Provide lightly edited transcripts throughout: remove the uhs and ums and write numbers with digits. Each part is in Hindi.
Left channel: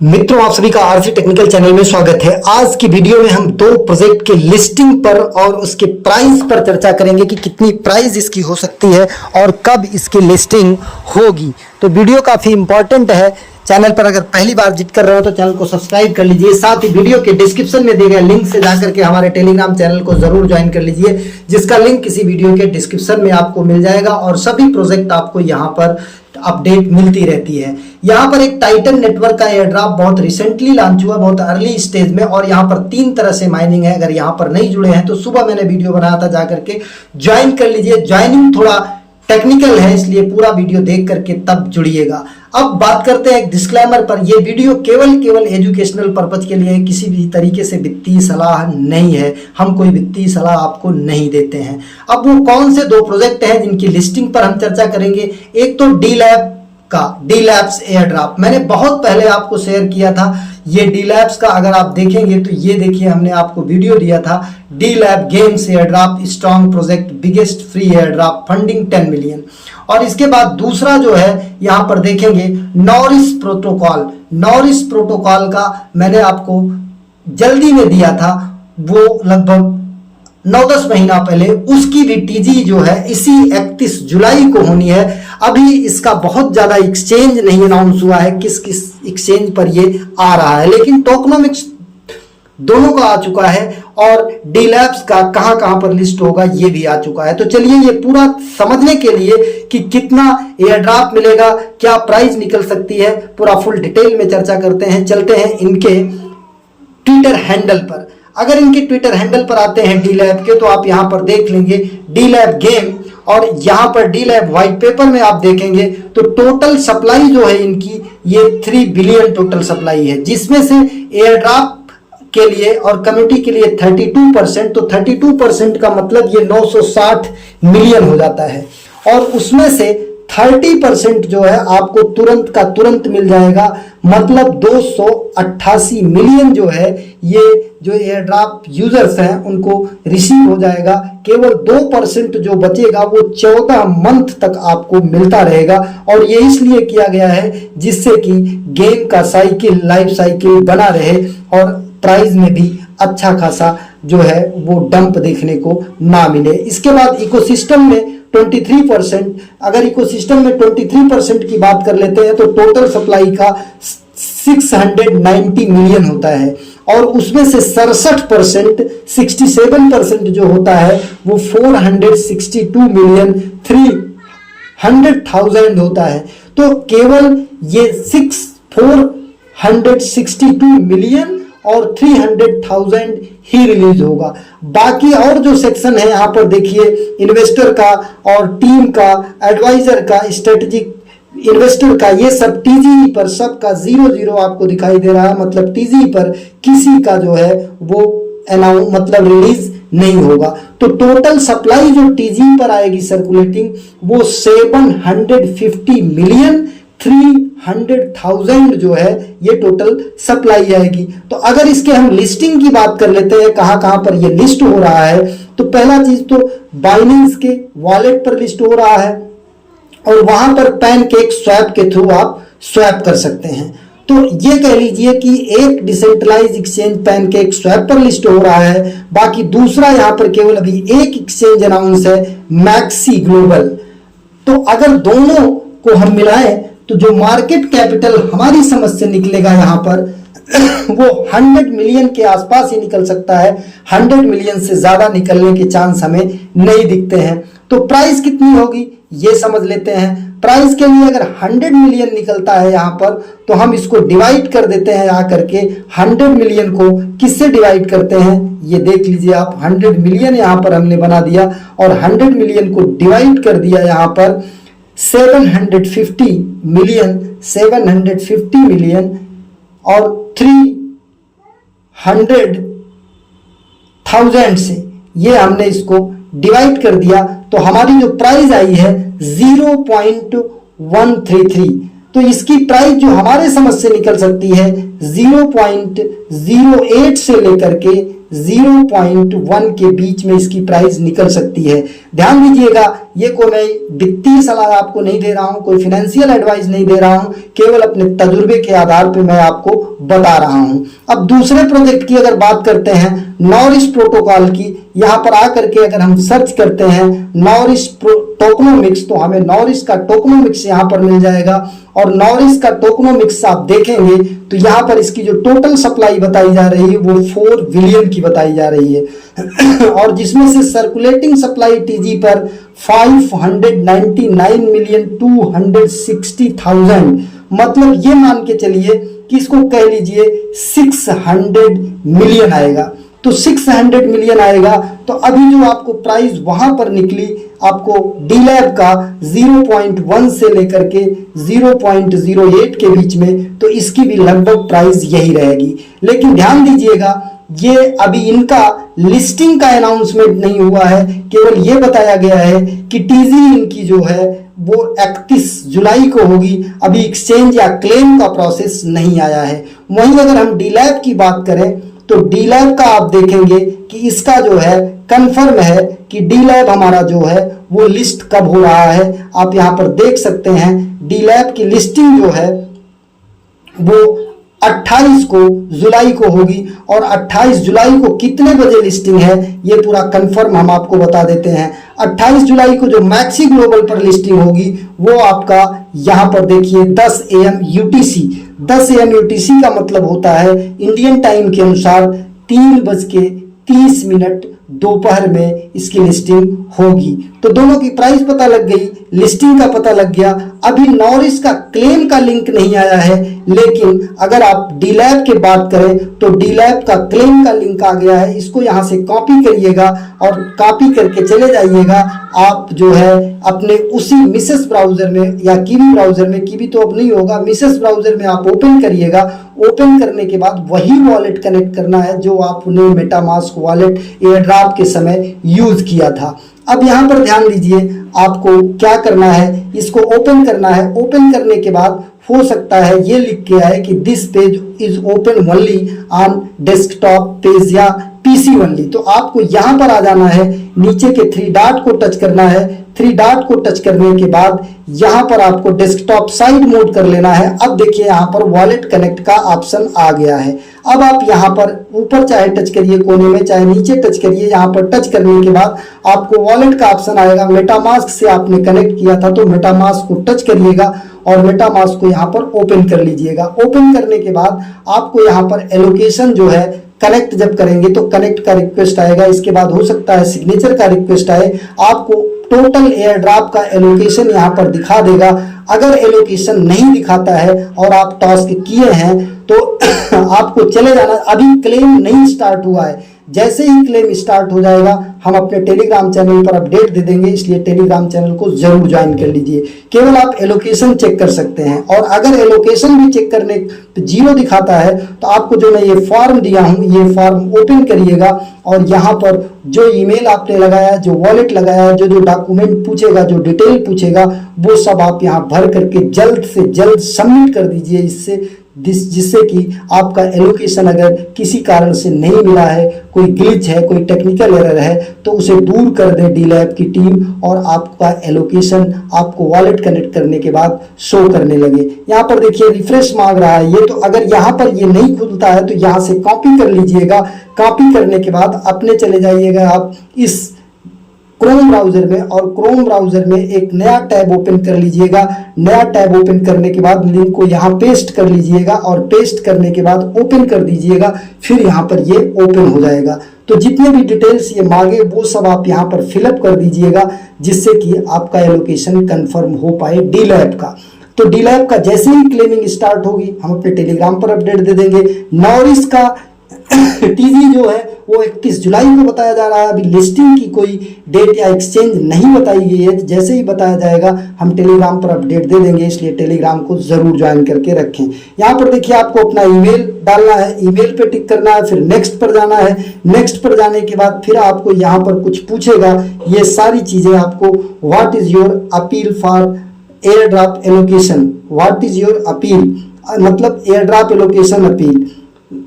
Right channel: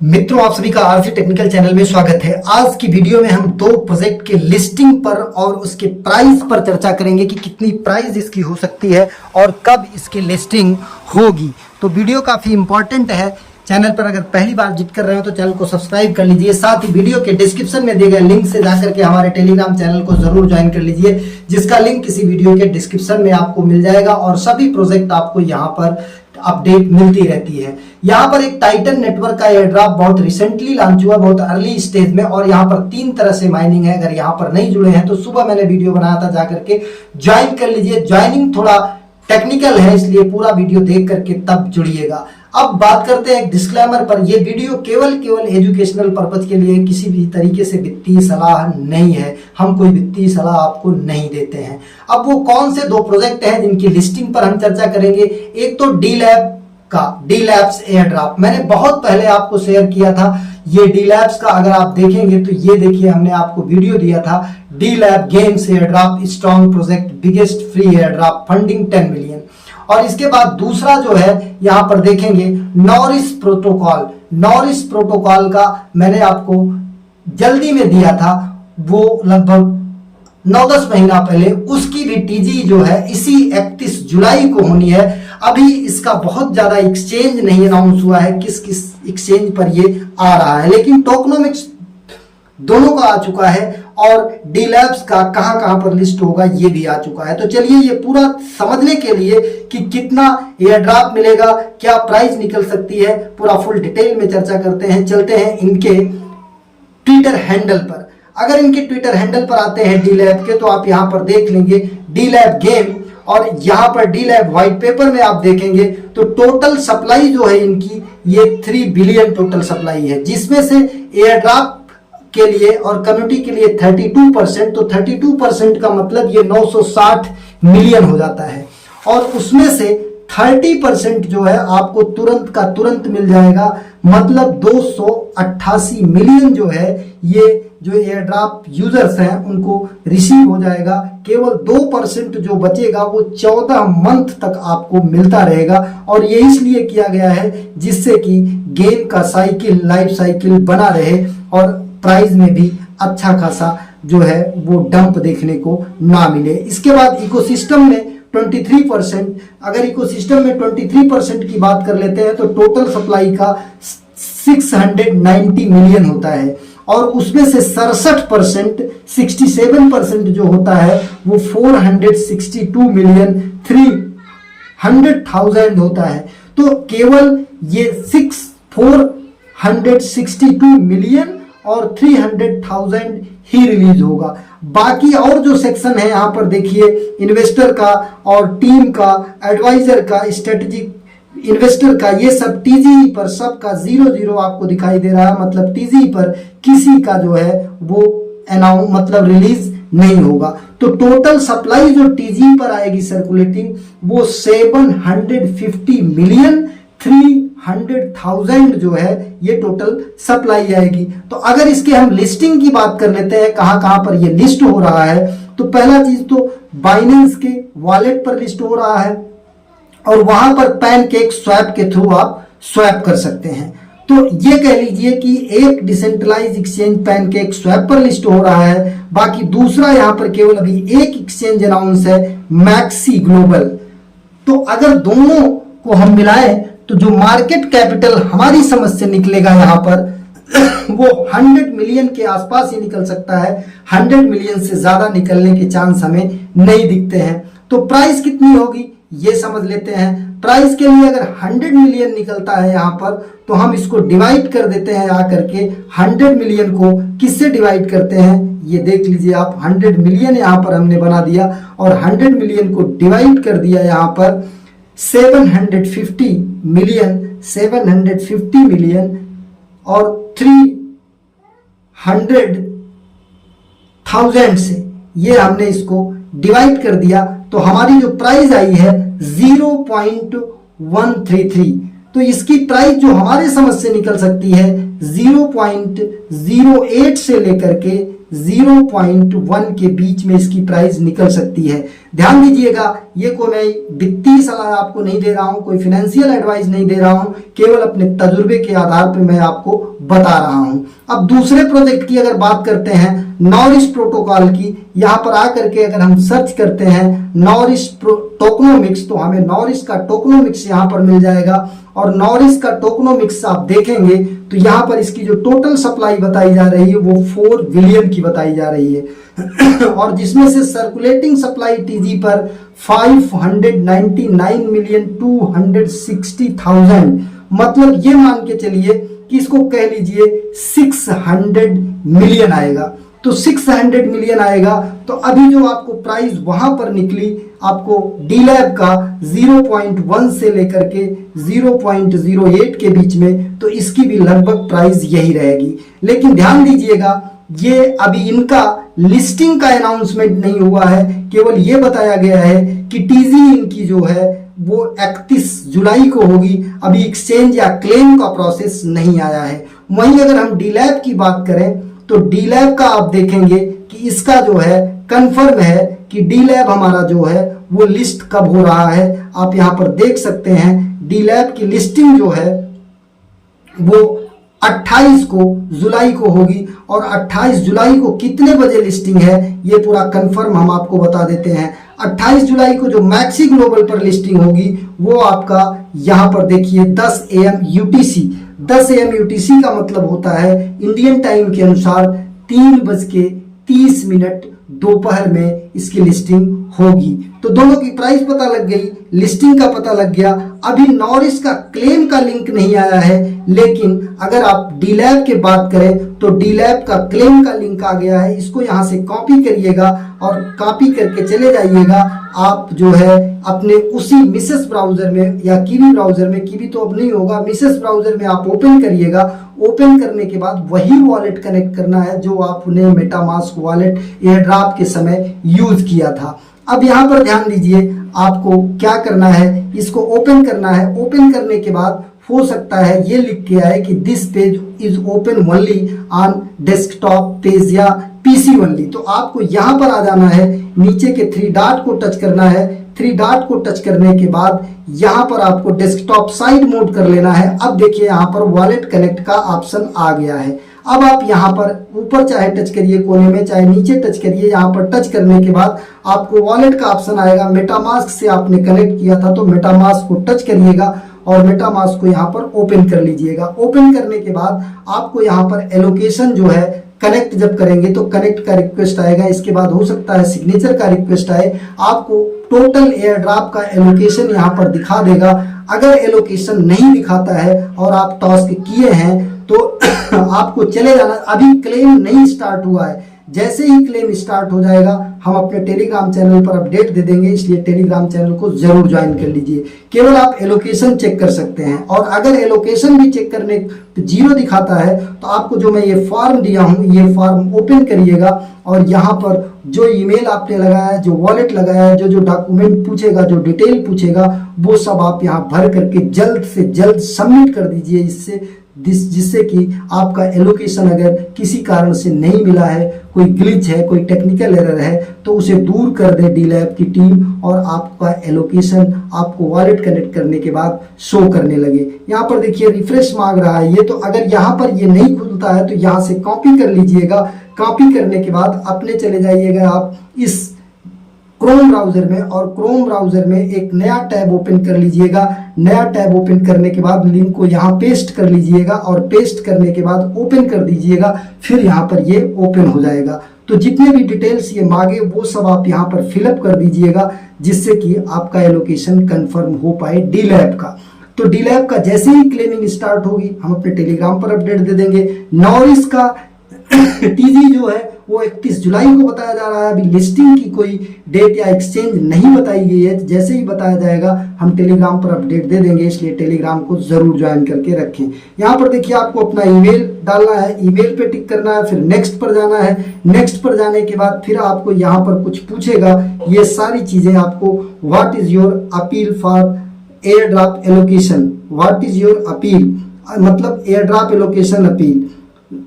मित्रों, आप सभी का आरसी टेक्निकल चैनल में स्वागत है। आज की वीडियो में हम दो प्रोजेक्ट के लिस्टिंग पर और उसके प्राइस पर चर्चा करेंगे कि कितनी प्राइस इसकी हो सकती है और कब इसकी लिस्टिंग होगी। तो वीडियो काफ़ी इंपॉर्टेंट है। चैनल पर अगर पहली बार विजिट कर रहे हो तो चैनल को सब्सक्राइब कर लीजिए। साथ ही वीडियो के डिस्क्रिप्शन में दिए गए लिंक से जाकर के हमारे टेलीग्राम चैनल को जरूर ज्वाइन कर लीजिए, जिसका लिंक किसी वीडियो के डिस्क्रिप्शन में आपको मिल जाएगा और सभी प्रोजेक्ट आपको यहाँ पर अपडेट मिलती रहती है। यहाँ पर एक टाइटन नेटवर्क का एयर ड्रॉप बहुत रिसेंटली लॉन्च हुआ, बहुत अर्ली स्टेज में, और यहाँ पर 3 तरह से माइनिंग है। अगर यहाँ पर नहीं जुड़े हैं तो सुबह मैंने वीडियो बनाया था, जाकर के ज्वाइन कर लीजिए। ज्वाइनिंग थोड़ा टेक्निकल है, इसलिए पूरा वीडियो देख करके तब जुड़िएगा। अब बात करते हैं एक डिस्क्लेमर पर। यह वीडियो केवल एजुकेशनल पर्पज के लिए, किसी भी तरीके से वित्तीय सलाह नहीं है। हम कोई वित्तीय सलाह आपको नहीं देते हैं। अब वो कौन से दो प्रोजेक्ट हैं जिनकी लिस्टिंग पर हम चर्चा करेंगे। एक तो डी लैब का, डी लैब्स एयर ड्रॉप, मैंने बहुत पहले आपको शेयर किया था। ये डी लैब्स का अगर आप देखेंगे तो ये देखिए, हमने आपको वीडियो दिया था, D lab games air drop, strong project, biggest free air drop, funding 10 million. और इसके बाद दूसरा जो है यहां पर देखेंगे नॉरिस प्रोटोकॉल। नॉरिस प्रोटोकॉल का मैंने आपको जल्दी में दिया था, वो लगभग 9-10 महीना पहले। उसकी भी टीजी जो है इसी 31 जुलाई को होनी है। अभी इसका बहुत ज्यादा एक्सचेंज नहीं अनाउंस हुआ है, किस किस एक्सचेंज पर ये आ रहा है, लेकिन टोकनोमिक्स दोनों का आ चुका है और डी लैब्स का कहां कहां पर लिस्ट होगा ये भी आ चुका है। तो चलिए, ये पूरा समझने के लिए कि कितना एयर ड्रॉप मिलेगा, क्या प्राइस निकल सकती है, पूरा फुल डिटेल में चर्चा करते हैं। चलते हैं इनके ट्विटर हैंडल पर। अगर इनके ट्विटर हैंडल पर आते हैं डी लैब के, तो आप यहां पर देख लेंगे डी लैब गेम, और यहां पर डी लैब व्हाइट पेपर में आप देखेंगे तो टोटल सप्लाई जो है इनकी, ये 3 बिलियन टोटल सप्लाई है, जिसमें से एयर ड्रॉप के लिए और कम्युनिटी के लिए 32%। तो 32% का मतलब ये 960 मिलियन हो जाता है, और उसमें से 30% जो है आपको तुरंत का तुरंत मिल जाएगा, मतलब 288 मिलियन जो है ये जो एयर ड्रॉप यूजर्स हैं उनको रिसीव हो जाएगा। केवल 2% जो बचेगा वो 14 मंथ तक आपको मिलता रहेगा, और ये इसलिए किया गया है जिससे कि गेम का साइकिल, लाइफ साइकिल बना रहे और प्राइस में भी अच्छा खासा जो है वो डंप देखने को ना मिले। इसके बाद इकोसिस्टम में 23%, अगर इकोसिस्टम में 23% की बात कर लेते हैं तो टोटल सप्लाई का 690 मिलियन होता है, और उसमें से 67%, 67% जो होता है वो 462 मिलियन 300,000 होता है। तो केवल ये 462 मिलियन और 300,000 ही रिलीज होगा। बाकी और जो सेक्शन है यहाँ पर देखिए, इन्वेस्टर का और टीम का, एडवाइजर का, स्ट्रेटेजिक इन्वेस्टर का, ये सब टीजी पर सबका 0-0 आपको दिखाई दे रहा है। मतलब टीजी पर किसी का जो है वो अनाउंस मतलब रिलीज नहीं होगा। तो टोटल सप्लाई जो टीजी पर आएगी सर्कुलेटिंग, वो 750 मिलियन 300,000 जो है ये टोटल सप्लाई आएगी। तो अगर इसके हम लिस्टिंग की बात कर लेते हैं, कहां कहां पर ये लिस्ट हो रहा है, तो पहला चीज तो बाइनेंस के वॉलेट पर लिस्ट हो रहा है, और वहां पर पैनकेक स्वैप के थ्रू आप स्वैप कर सकते हैं। तो ये कह लीजिए कि एक डिसेंट्रलाइज एक्सचेंज पैनकेक स्वैप पर लिस्ट हो रहा है। बाकी दूसरा यहां पर केवल अभी एक एक्सचेंज अनाउंस है, मैक्सी ग्लोबल। तो अगर दोनों को हम मिलाएं तो जो मार्केट कैपिटल हमारी समझ से निकलेगा यहाँ पर वो 100 मिलियन के आसपास ही निकल सकता है। 100 मिलियन से ज्यादा निकलने के चांस हमें नहीं दिखते हैं। तो प्राइस कितनी होगी ये समझ लेते हैं। प्राइस के लिए अगर 100 मिलियन निकलता है यहाँ पर, तो हम इसको डिवाइड कर देते हैं आकर के। 100 मिलियन को किससे डिवाइड करते हैं ये देख लीजिए आप। 100 मिलियन यहाँ पर हमने बना दिया, और 100 मिलियन को डिवाइड कर दिया यहाँ पर 750 मिलियन और 300,000 से ये हमने इसको डिवाइड कर दिया, तो हमारी जो प्राइस आई है 0.133। तो इसकी प्राइस जो हमारे समझ से निकल सकती है 0.08 से लेकर के 0.1 के बीच में इसकी प्राइस निकल सकती है। ध्यान दीजिएगा, ये कोई मैं वित्तीय सलाह आपको नहीं दे रहा हूं, कोई फाइनेंशियल एडवाइस नहीं दे रहा हूं, केवल अपने तजुर्बे के आधार पर मैं आपको बता रहा हूं। अब दूसरे प्रोजेक्ट की अगर बात करते हैं, नॉरिस प्रोटोकॉल की, यहां पर आकर के अगर हम सर्च करते हैं नॉरिस टोकनोमिक्स, तो हमें नॉरिस का टोकनोमिक्स यहां पर मिल जाएगा। और नॉरिस का टोकनोमिक्स आप देखेंगे तो यहां पर इसकी जो टोटल सप्लाई बताई जा रही है वो 4 बिलियन की बताई जा रही है और जिसमें से सर्कुलेटिंग सप्लाई टीजी पर 599,260,000, मतलब ये मान के चलिए कि इसको कह लीजिए 600 मिलियन आएगा। तो 600 मिलियन आएगा, तो अभी जो आपको प्राइस वहां पर निकली आपको डीलैब का 0.1 से लेकर के 0.08 के बीच में, तो इसकी भी लगभग प्राइस यही रहेगी। लेकिन ध्यान दीजिएगा, ये अभी इनका लिस्टिंग का अनाउंसमेंट नहीं हुआ है, केवल ये बताया गया है कि टीजी इनकी जो है वो 31 जुलाई को होगी। अभी एक्सचेंज या क्लेम का प्रोसेस नहीं आया है। वहीं अगर हम डीलैब की बात करें तो डीलैब का आप देखेंगे कि इसका जो है कंफर्म है कि डीलैब हमारा जो है वो लिस्ट कब हो रहा है। आप यहां पर देख सकते हैं डीलैब की लिस्टिंग जो है वो 28 को जुलाई को होगी और 28 जुलाई को कितने बजे लिस्टिंग है ये पूरा कंफर्म हम आपको बता देते हैं। 28 जुलाई को जो मैक्सी ग्लोबल पर लिस्टिंग होगी वो आपका यहां पर देखिए 10 AM UTC। 10 AM UTC का मतलब होता है इंडियन टाइम के अनुसार 3:30 दोपहर में इसकी लिस्टिंग होगी। तो दोनों की प्राइस पता लग गई, लिस्टिंग का पता लग गया। अभी नॉरिस का क्लेम का लिंक नहीं आया है, लेकिन अगर आप डीलैब की बात करें तो डीलैब का क्लेम का लिंक आ गया है। इसको यहां से कॉपी करिएगा और कॉपी करके चले जाइएगा आप जो है अपने उसी मिसेस ब्राउजर में या कीवी ब्राउजर में, कीवी तो अब नहीं होगा, मिसेस ब्राउजर में आप ओपन करिएगा। ओपन करने के बाद वही वॉलेट कनेक्ट करना है जो आपने मेटामास्क वॉलेट एयरड्रॉप के समय यूज किया था। अब यहां पर ध्यान दीजिए, आपको क्या करना है, इसको ओपन करना है। ओपन करने के बाद हो सकता है ये लिख के आए कि this page is open only on desktop page या पीसी ओनली। तो आपको यहां पर आ जाना है, नीचे के 3 डॉट को टच करना है। 3 डॉट को टच करने के बाद यहां पर आपको डेस्कटॉप साइड मोड कर लेना है। अब देखिए यहां पर वॉलेट कनेक्ट का ऑप्शन आ गया है। अब आप यहां पर ऊपर चाहे टच करिए कोने में, चाहे नीचे टच करिए, यहां पर टच करने के बाद आपको वॉलेट का ऑप्शन आएगा। मेटामास्क से आपने कनेक्ट किया था तो मेटामास्क को टच करिएगा और मेटामास्क को यहां पर ओपन कर लीजिएगा। ओपन करने के बाद आपको यहां पर एलोकेशन जो है कनेक्ट जब करेंगे तो कनेक्ट का रिक्वेस्ट आएगा। इसके बाद हो सकता है सिग्नेचर का रिक्वेस्ट आए। आपको टोटल एयर ड्रॉप का एलोकेशन यहां पर दिखा देगा। अगर एलोकेशन नहीं दिखाता है और आप टास्क किए हैं तो आपको चले जाना। अभी क्लेम नहीं स्टार्ट हुआ है, जैसे ही क्लेम स्टार्ट हो जाएगा हम अपने टेलीग्राम चैनल पर अपडेट दे देंगे, इसलिए टेलीग्राम चैनल को जरूर ज्वाइन कर लीजिए। केवल आप एलोकेशन चेक कर सकते हैं और अगर एलोकेशन भी चेक करने तो 0 दिखाता है तो आपको जो मैं ये फॉर्म दिया हूं ये फॉर्म ओपन करिएगा और यहाँ पर जो ईमेल आपने लगाया, जो वॉलेट लगाया, जो डॉक्यूमेंट पूछेगा, जो डिटेल पूछेगा, वो सब आप यहाँ भर करके जल्द से जल्द सबमिट कर दीजिए, जिससे कि आपका एलोकेशन अगर किसी कारण से नहीं मिला है, कोई ग्लिच है, कोई टेक्निकल एरर है, तो उसे दूर कर दे डीलैब की टीम और आपका एलोकेशन आपको वॉलेट कनेक्ट करने के बाद शो करने लगे। यहाँ पर देखिए रिफ्रेश मांग रहा है ये, तो अगर यहाँ पर ये नहीं खुलता है तो यहाँ से कॉपी कर लीजिएगा। कॉपी करने के बाद अपने चले जाइएगा आप इस क्रोम ब्राउजर में और क्रोम ब्राउजर में एक नया टैब ओपन कर लीजिएगा। नया टैब ओपन करने के बाद लिंक को यहाँ पेस्ट कर लीजिएगा और पेस्ट करने के बाद ओपन कर दीजिएगा। फिर यहाँ पर ये ओपन हो जाएगा। तो जितने भी डिटेल्स ये मांगे वो सब आप यहाँ पर फिलअप कर दीजिएगा, जिससे कि आपका एलोकेशन कंफर्म हो पाए डीलैब का। तो डीलैब का जैसे ही क्लेमिंग स्टार्ट होगी हम अपने टेलीग्राम पर अपडेट दे देंगे। नॉरिस का टीजी जो है वो 31 जुलाई को बताया जा रहा है। अभी लिस्टिंग की कोई डेट या एक्सचेंज नहीं बताई गई है। जैसे ही बताया जाएगा हम टेलीग्राम पर अपडेट दे देंगे, इसलिए टेलीग्राम को जरूर ज्वाइन करके रखें। यहाँ पर देखिए आपको अपना ईमेल डालना है, ईमेल पे टिक करना है, फिर नेक्स्ट पर जाना है। नेक्स्ट पर जाने के बाद फिर आपको यहाँ पर कुछ पूछेगा। ये सारी चीजें आपको what is your appeal for air drop allocation, what is your appeal मतलब एयर ड्रॉप एलोकेशन अपील,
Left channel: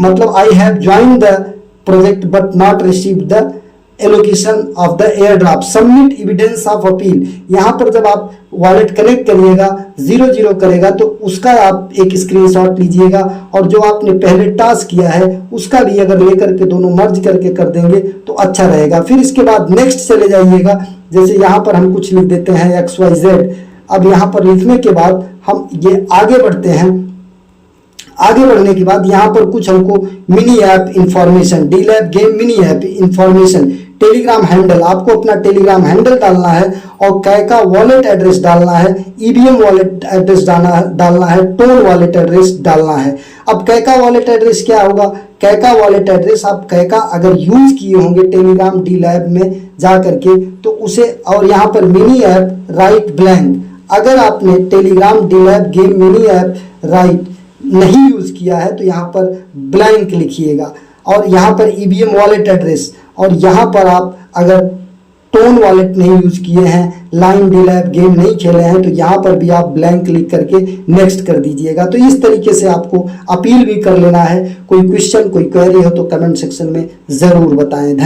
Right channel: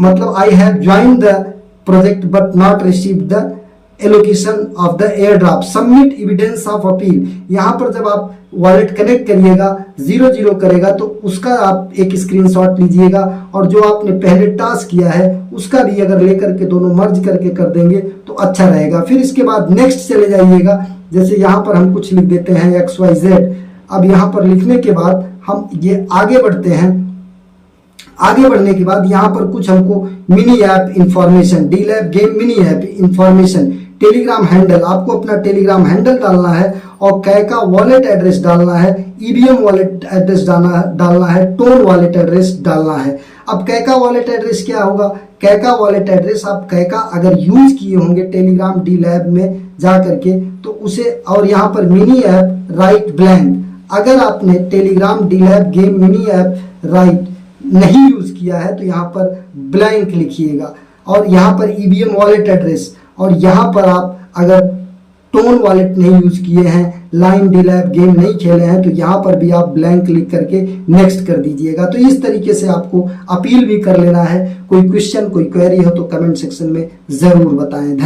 मतलब I have join the project but not receive the allocation of the air drop, submit evidence of appeal. यहाँ पर जब आप वॉलेट कनेक्ट करिएगा 00 करेगा तो उसका आप एक स्क्रीनशॉट लीजिएगा, और जो आपने पहले टास्क किया है उसका भी अगर लेकर के दोनों मर्ज करके कर देंगे तो अच्छा रहेगा। फिर इसके बाद नेक्स्ट चले जाइएगा, जैसे यहाँ पर हम कुछ लिख देते हैं XYZ। अब यहाँ पर लिखने के बाद हम ये आगे बढ़ते हैं। आगे बढ़ने के बाद यहाँ पर कुछ हमको मिनी ऐप इंफॉर्मेशन, डीलैब game mini app information, Telegram handle, आपको अपना टेलीग्राम हैंडल डालना है, और कैका वॉलेट एड्रेस डालना है, ईवीएम वॉलेट एड्रेस डालना है, टोन वॉलेट एड्रेस डालना है। अब कैका वॉलेट एड्रेस क्या होगा? कैका वॉलेट एड्रेस आप कैका अगर यूज किए होंगे टेलीग्राम डीलैब में जा करके तो उसे, और यहाँ पर मिनी ऐप राइट ब्लैंक, अगर आपने टेलीग्राम डीलैब गेम मिनी ऐप राइट नहीं यूज किया है तो यहाँ पर ब्लैंक लिखिएगा, और यहाँ पर ईवीएम वॉलेट एड्रेस, और यहाँ पर आप अगर टोन वॉलेट नहीं यूज किए हैं, लाइन डीलैब गेम नहीं खेले हैं, तो यहाँ पर भी आप ब्लैंक लिख करके नेक्स्ट कर दीजिएगा। तो इस तरीके से आपको अपील भी कर लेना है। कोई क्वेश्चन कोई क्वेरी हो तो कमेंट सेक्शन में जरूर बताएं।